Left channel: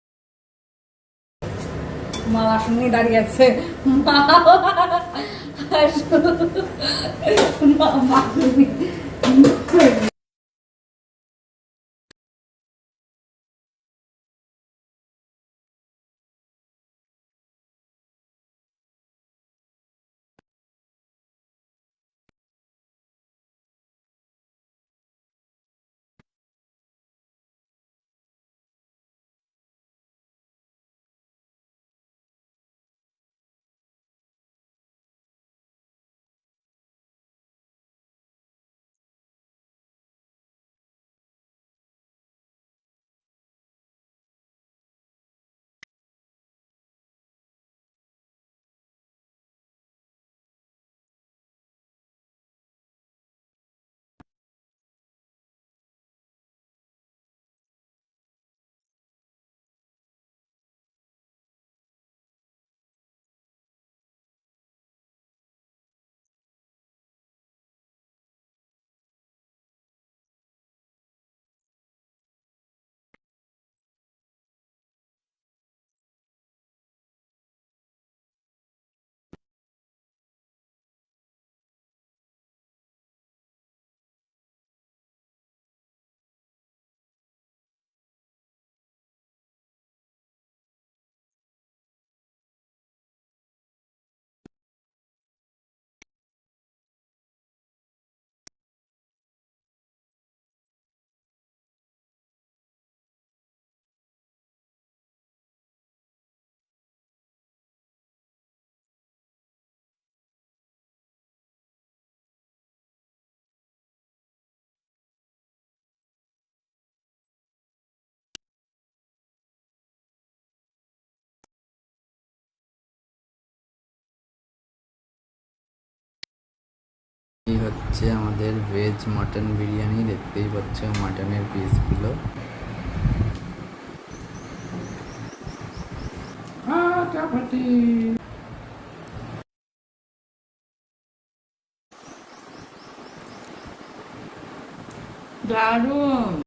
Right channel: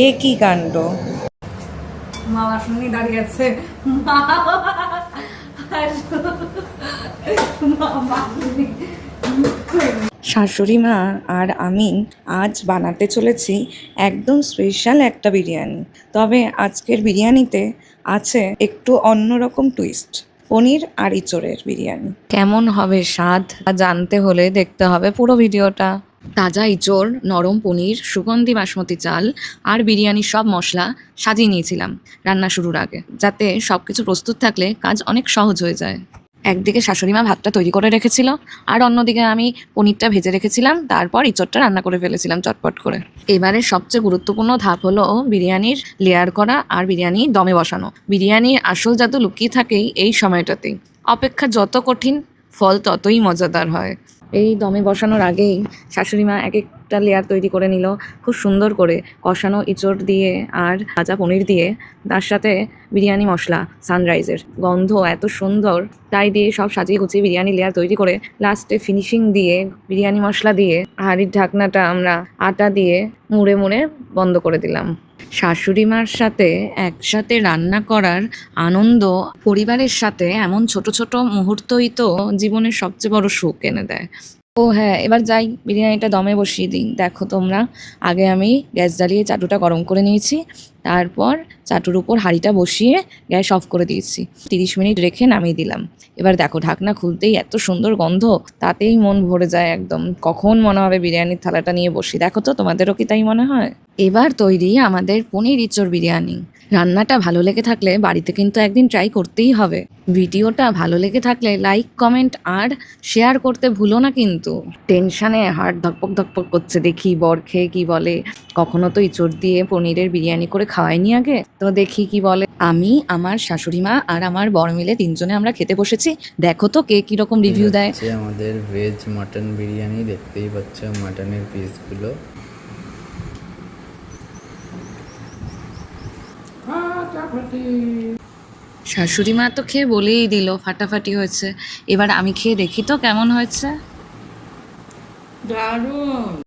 এ কি কাণ্ড! মা বাসন নিয়ে দাঁড়িয়ে আছে। মা শাশুড়ি মা আর আমি আজ বানাতে চলেছি একদম স্পেশাল একটা বিরিয়ানি। তবে আজকের বিরিয়ানিতে আছে একটু অন্যরকম টুইস্ট। পনির আর ইঁচড়ের বিরিয়ানি। কেমন হবে স্বাদ জানতে হলে দেখতে হবে পুরো ভিডিওটা। তাজা ইঁচড়, নরম পনির, সুগন্ধি বাসমতি চাল আর বিরিয়ানির সব মশলা সাজিয়ে নিয়েছিলাম রান্না শুরুর আগে, যাতে সব কিছু প্রস্তুত থাকলে কাজ অনেক সহজ হয়ে যায়। একদিকে শাশুড়ি মা ভাতটা তৈরি করে রেখেছিল, আর অন্যদিকে আমি পনিরটা ভেজে রেখেছিলাম, তারপর ইঁচড়টা রান্না করে ফেলেছিলাম চটপট করে। এবারে সবচেয়ে গুরুত্বপূর্ণ ধাপ হলো বিরিয়ানির লেয়ার করা আর বিরিয়ানি দমে বসানো। বিরিয়ানির আসল জাদু লুকিয়ে থাকেই এই সময়টাতেই। অপেক্ষা যত কঠিন, ফল ততই মজাদার হয়। এই দমে বসানোর আগেই শাশুড়ি মা এক একটা লেয়ার তৈরি করে নিল খুব সুন্দর করে, কষানো ইঁচড় দিয়ে আর ভাজা পনির দিয়ে, তার সাথে বিরিয়ানি মশলা সানরাইজের গন্ধ এত সুন্দর, তাই দিয়ে সব সাজিয়ে গুছিয়ে বিরিয়ানি লেয়ার তৈরি করে লাস্টে ফিনিশিং দিয়ে বিরিয়ানি মশলা দিয়ে হাঁড়ির ঢাকনাটা আমরা আটা দিয়ে মুড়ে মুড়ে বন্ধ করে দিলাম। শাশুড়ি মার সাথে একসাথে রান্না করার আনন্দ, পরিবারের সাথে এমন ছোট ছোট মুহূর্তই তো জীবনের সবচেয়ে বড় সুখ এনে দেয়। ও হ্যাঁ, এবার যাই বিরিয়ানিটা দমে বসিয়ে দিই। দেখো তোমরা, আগে আমি গ্যাস জ্বালিয়ে চাটুটা গরম করে নিয়েছি, তারপর চাটুর উপর হাঁড়িটা বসিয়ে গ্যাস অফ করে দিয়েছি। 30 মিনিট রেখে নামিয়ে দিলাম। এবার দেখো, ঢাকনা খুলতেই এত সুন্দর গন্ধ, তাতেই মন ভরে যায় একদম। কখন মনে হবে বিরিয়ানির থালাটা নিয়ে বসি। দেখো তো, তোমাদেরও কি তাই মনে হয়? এবার তৈরি আমাদের পনির ইঁচড় বিরিয়ানি। রান্নাটা ভালো লেগে থাকলে বাড়িতে কিন্তু একদিন ট্রাই করতেই হবে। ভিডিওটা ভালো লেগে থাকলে লাইক, কমেন্ট আর শেয়ার করতে ভুলো না কিন্তু। টেনশানে হার্ট ধকপক ধকপক করছে, দেখি বর খেয়ে কি বলে। কখনো তো ইঁচড় দিয়ে পনিরের বিরিয়ানি করে খাওয়াইনি আগে, তো দেখি কি বলে। আমি, আমার শাশুড়ি মা আর আমার বর মিলে 3 জনে আমরা খেতে বসেছি। দেখো তো কে কিরকম রিভিউ দেয়। আমাদের ভেজ মাটন বিরিয়ানি, দেখতেই পাচ্ছ মাটনের পিসগুলো। শাশুড়ি মা তো খেয়ে বলেই দিল ফাটাফাটি হয়েছে। এবার আমি খেয়ে দেখি তো কেমন হয়েছে। দারুণ।